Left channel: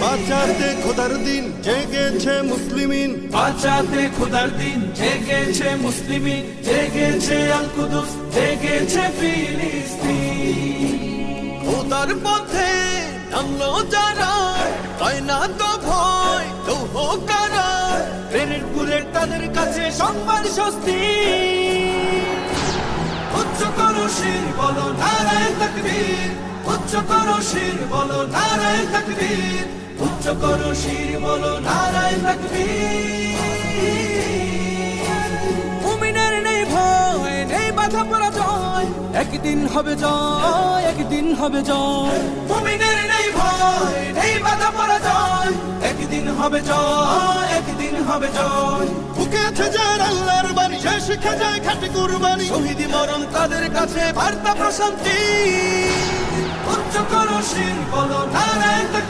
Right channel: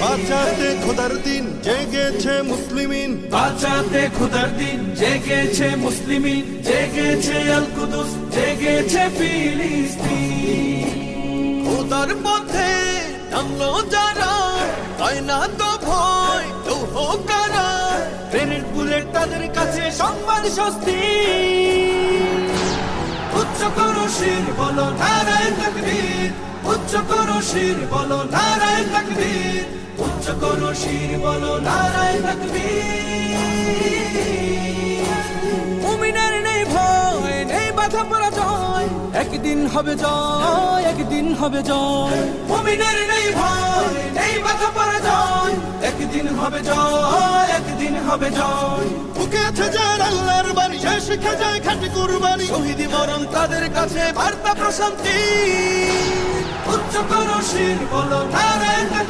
বাঁচাতে খোদার দিন জেগেছে মুসলিমিন, বাঁচাতে খোদার দিন জেগেছে মুসলিমিন, জেগেছে আল কুদুস, জেগেছে ফিলিস্তিন। খোদার পথে নামলো যারা, হয় না তো ভয় লৌহ কারা, গ্রেনেড বুলেট তাদের কাছে সংবাদ স্বস্তি। উচ্চ করো শির বলো নারায়ে তাকবীর, উচ্চ করো শির বলো নারায়ে তাকবীর, উচ্চ করো শির বলো নারায়ে তাকবীর। মুমিনের নেই ভয়, নেই বাধা পরাজয়, একদিন হবে জয়, একদিন হবে জয়। মুমিনের নেই ভয়, নেই বাধা পরাজয়, একদিন হবে জয়, একদিন হবে জয়। বুকে আছে যার আল্লাহর বাণী, সে শিখে যায় খাঁটি কুরবানি, শহীদি মরণ তাদের কাছে বার্তা প্রশান্তি। উচ্চ করো শির বলো নারায়ে তাকবীর।